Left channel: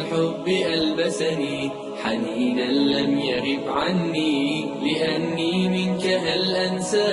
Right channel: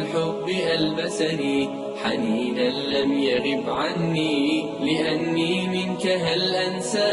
الحب ألبسني حنينا لم يغب عني، لأني منك هل أنسى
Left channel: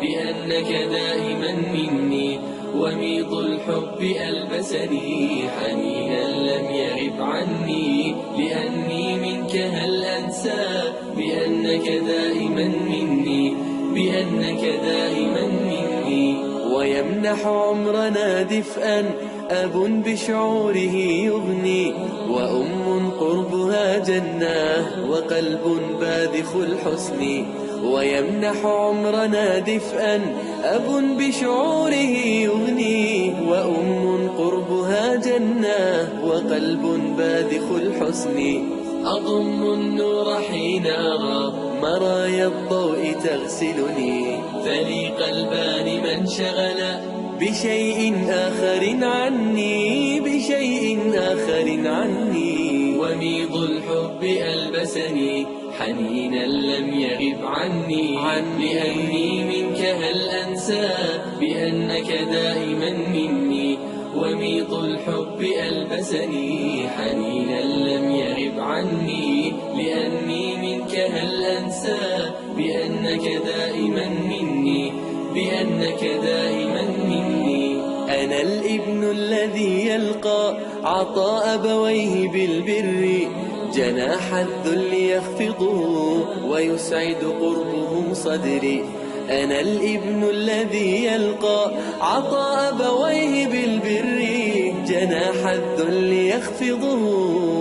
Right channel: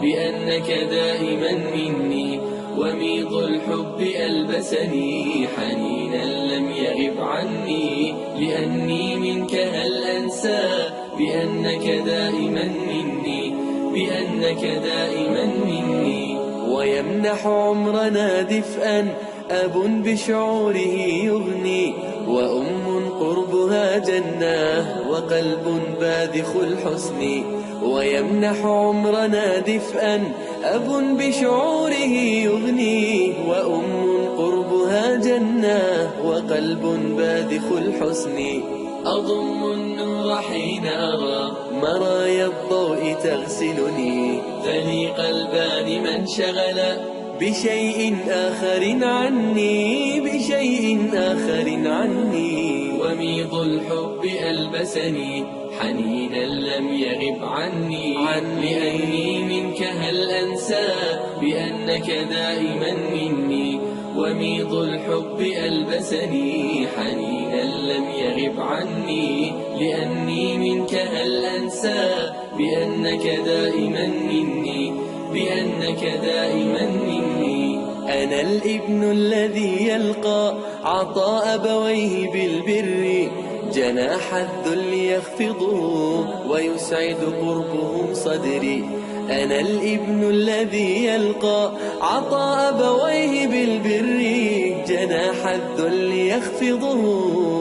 بأنك دائما مني. وميض الحب ألبسني حنينا لم يغب عني، لأني منك هل أنسى بأنك دائما مني، بأنك دائما مني. ويمنح عمرنا دفئا أب بشعوره يغني، وأم قربها جنة وقلب باذخ الحسن. ويمنح عمرنا دفئا أب بشعوره يغني، وأم قربها جنة وقلب باذخ الحسن. أضم النور حين أرى مرايا الضوء تغسلني، ثني قلبان من شغل بشيء آخر عني، بشيء آخر عني. وميض الحب ألبسني حنينا لم يغب عني، لأني منك هل أنسى بأنك دائما مني. وميض الحب ألبسني حنينا لم يغب عني، لأني منك هل أنسى بأنك دائما مني، بأنك دائما مني. أنا الابن الذي يلقى عطاء أبويه بالبر، جناح الذل يخفضه ويسعد قربهم صدري. أنا الابن الذي يلقى عطاء أبويه بالبر، جناح الذل يخفضه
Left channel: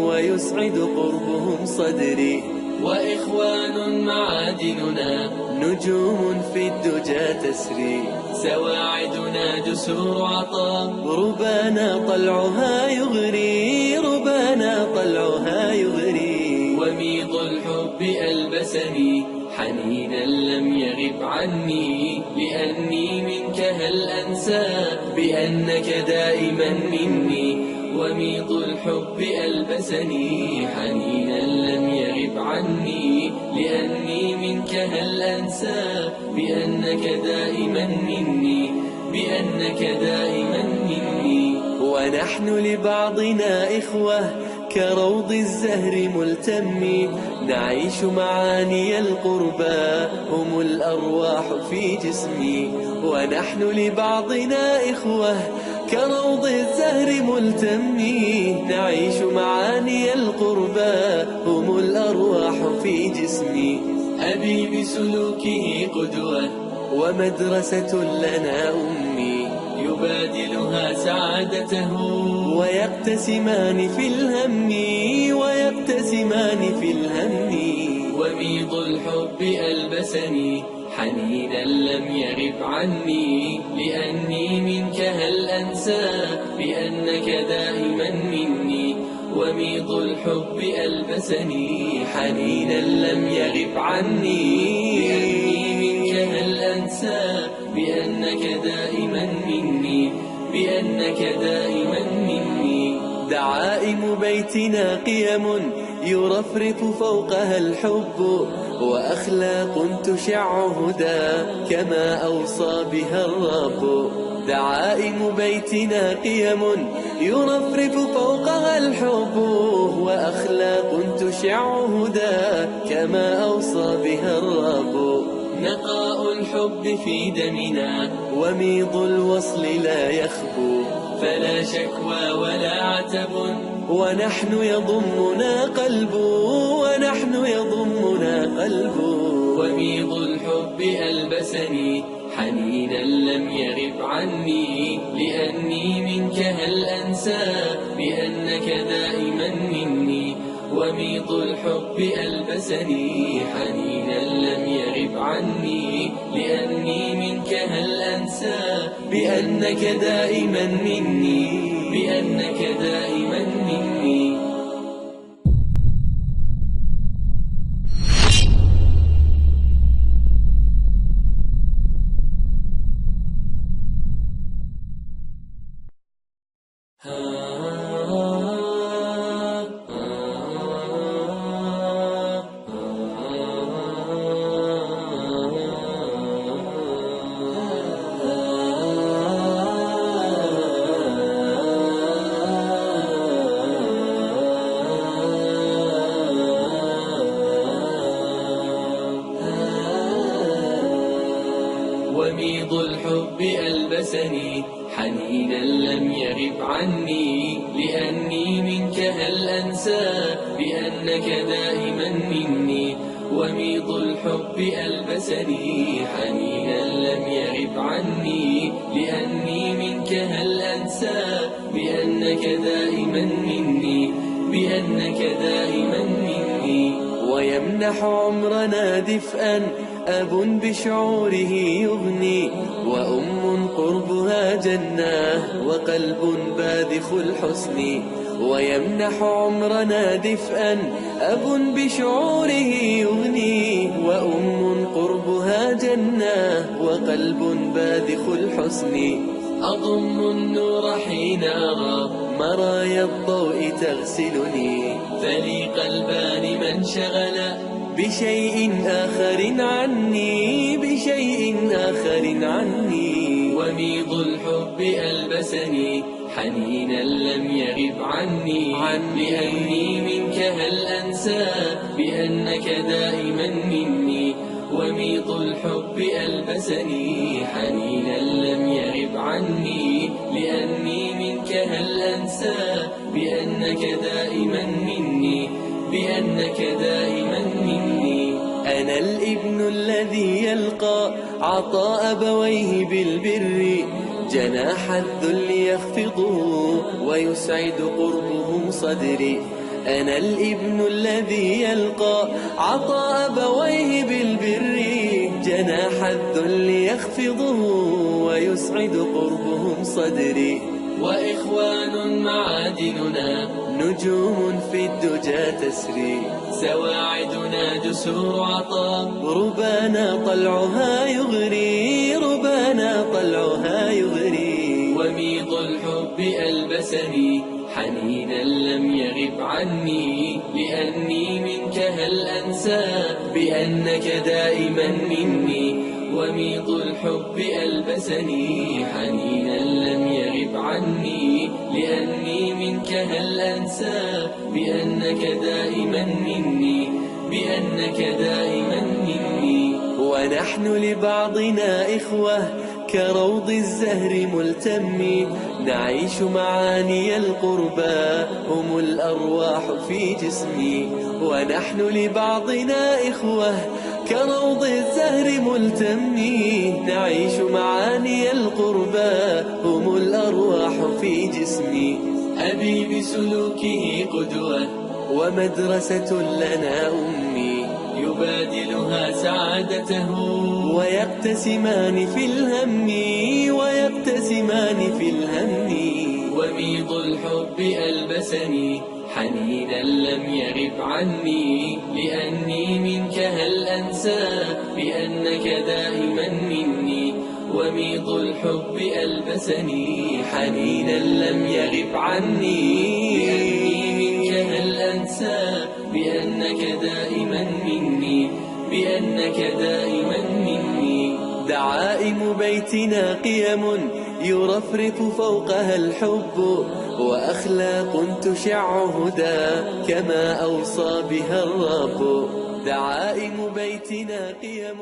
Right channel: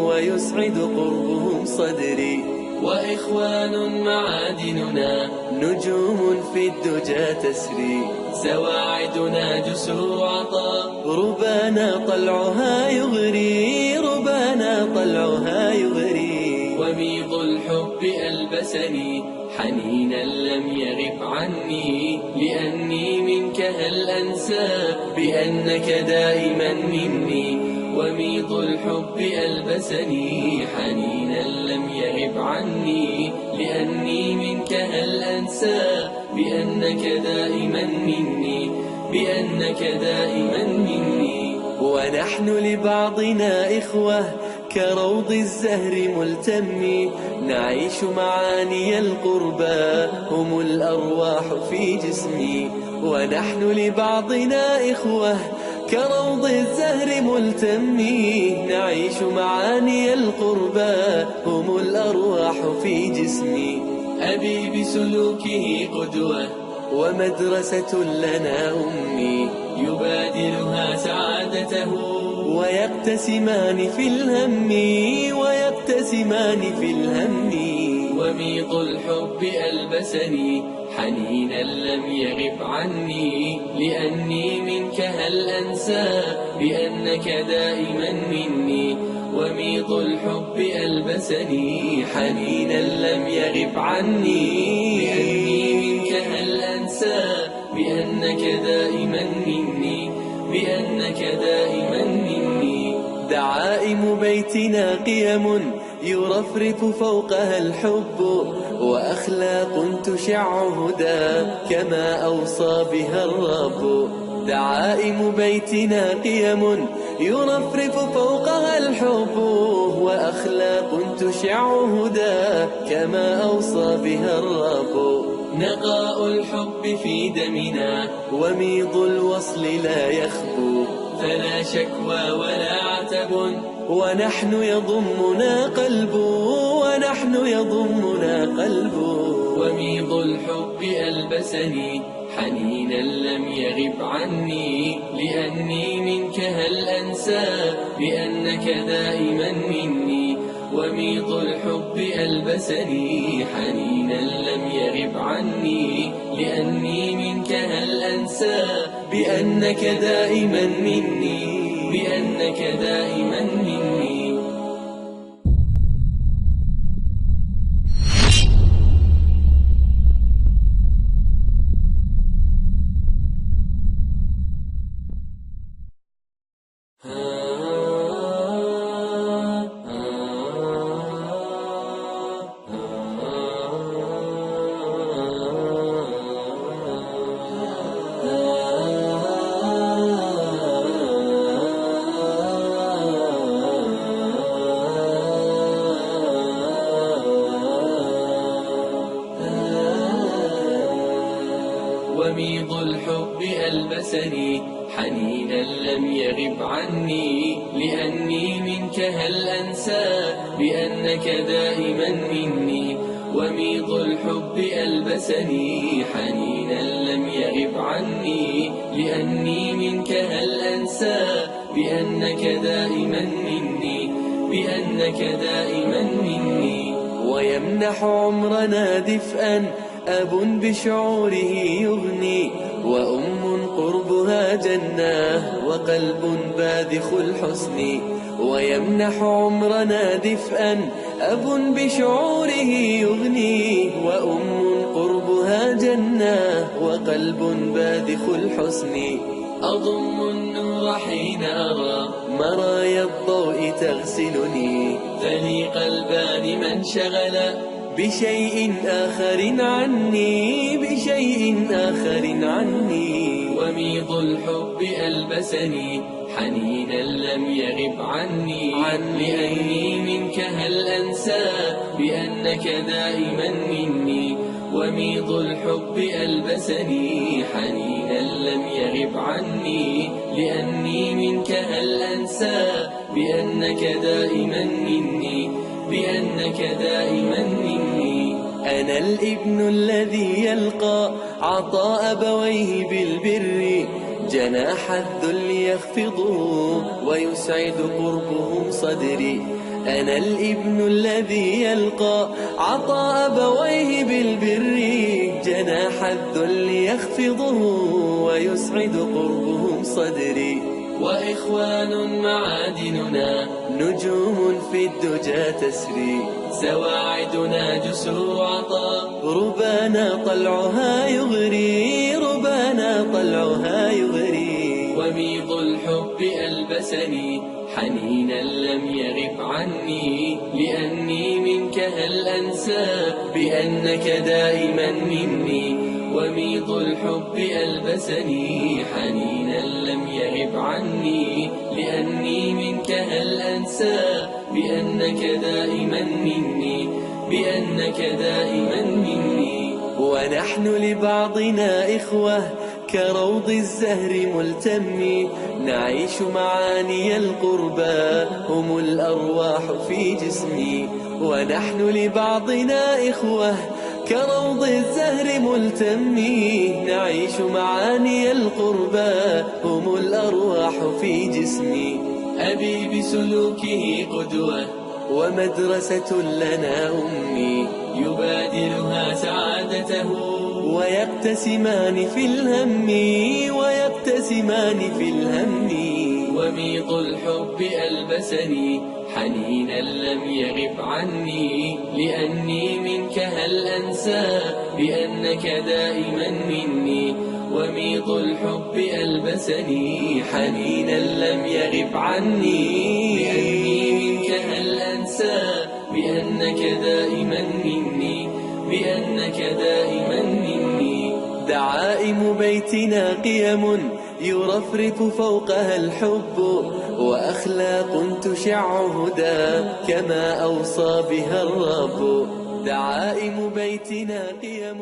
ويسعد قربهم صدري. وإخوان معادننا نجوم في الدجى تسري، سواعدنا جسر عطاء ربانا طلعها يغري، ربانا طلعها يغري. وميض الحب ألبسني حنينا لم يغب عني، لأني منك هل أنسى بأنك دائما مني. وميض الحب ألبسني حنينا لم يغب عني، لأني منك هل أنسى بأنك دائما مني، بأنك دائما مني. ونحن لبعضنا إخوة كروض الزهر ملتم، نعيش معاني القربى هم الأرواح في جسمي. ونحن لبعضنا إخوة كروض الزهر ملتم، نعيش معاني القربى هم الأرواح في جسمي. أبي بسلوكه قدوة ومدرسة لنا أمي، يبادلها سعادته ويقتسمان في الهم، ويقتسمان في الهم. وميض الحب ألبسني حنينا لم يغب عني، لأني منك هل أنسى بأنك دائما مني. وميض الحب ألبسني حنينا لم يغب عني، لأني منك هل أنسى بأنك دائما مني، بأنك دائما مني. دعائم بيتنا قيم يرفرف فوقها الحب، وأخلاق تشع هدى كما أوصى بها الرب. دعائم بيتنا قيم يرفرف فوقها الحب، وأخلاق تشع هدى كما أوصى بها الرب. نقاء الحب في دمنا وميض الوصل لا يخبو، فلا شكوى ولا عتب ونحن يضمنا قلب، ونحن يضمنا قلب. وميض الحب ألبسني حنينا لم يغب عني، لأني منك هل أنسى بأنك دائما مني. وميض الحب ألبسني حنينا لم يغب عني، لأني منك هل أنسى بأنك دائما مني، بأنك دائما مني. وميض الحب ألبسني حنينا لم يغب عني، لأني منك هل أنسى بأنك دائما مني. وميض الحب ألبسني حنينا لم يغب عني، لأني منك هل أنسى بأنك دائما مني، بأنك دائما مني. ويمنح عمرنا دفئا أب بشعوره يغني، وأم قربها جنة وقلب باذخ الحسن. ويمنح عمرنا دفئا أب بشعوره يغني، وأم قربها جنة وقلب باذخ الحسن. أضم النور حين أرى مرايا الضوء تغسلني، فلي قلبان من شغل بشيء آخر عني، بشيء آخر عني. وميض الحب ألبسني حنينا لم يغب عني، لأني منك هل أنسى بأنك دائما مني. وميض الحب ألبسني حنينا لم يغب عني، لأني منك هل أنسى بأنك دائما مني، بأنك دائما مني. أنا الابن الذي يلقى عطاء أبويه بالبر، جناح الذل يخفضه ويسعد قربهم صدري. أنا الابن الذي يلقى عطاء أبويه بالبر، جناح الذل يخفضه ويسعد قربهم صدري. وإخوان معادننا نجوم في الدجى تسري، سواعدنا جسر عطاء ربانا طلعها يغري، ربانا طلعها يغري. وميض الحب ألبسني حنينا لم يغب عني، لأني منك هل أنسى بأنك دائما مني. وميض الحب ألبسني حنينا لم يغب عني، لأني منك هل أنسى بأنك دائما مني، بأنك دائما مني. ونحن لبعضنا إخوة كروض الزهر ملتم، نعيش معاني القربى هم الأرواح في جسمي. ونحن لبعضنا إخوة كروض الزهر ملتم، نعيش معاني القربى هم الأرواح في جسمي. أبي بسلوكه قدوة ومدرسة لنا أمي، يبادلها سعادته ويقتسمان في الهم، ويقتسمان في الهم. وميض الحب ألبسني حنينا لم يغب عني، لأني منك هل أنسى بأنك دائما مني. وميض الحب ألبسني حنينا لم يغب عني، لأني منك هل أنسى بأنك دائما مني، بأنك دائما مني. دعائم بيتنا قيم يرفرف فوقها الحب، وأخلاق تشع هدى كما أوصى بها الرب. دعائم بيتنا قيم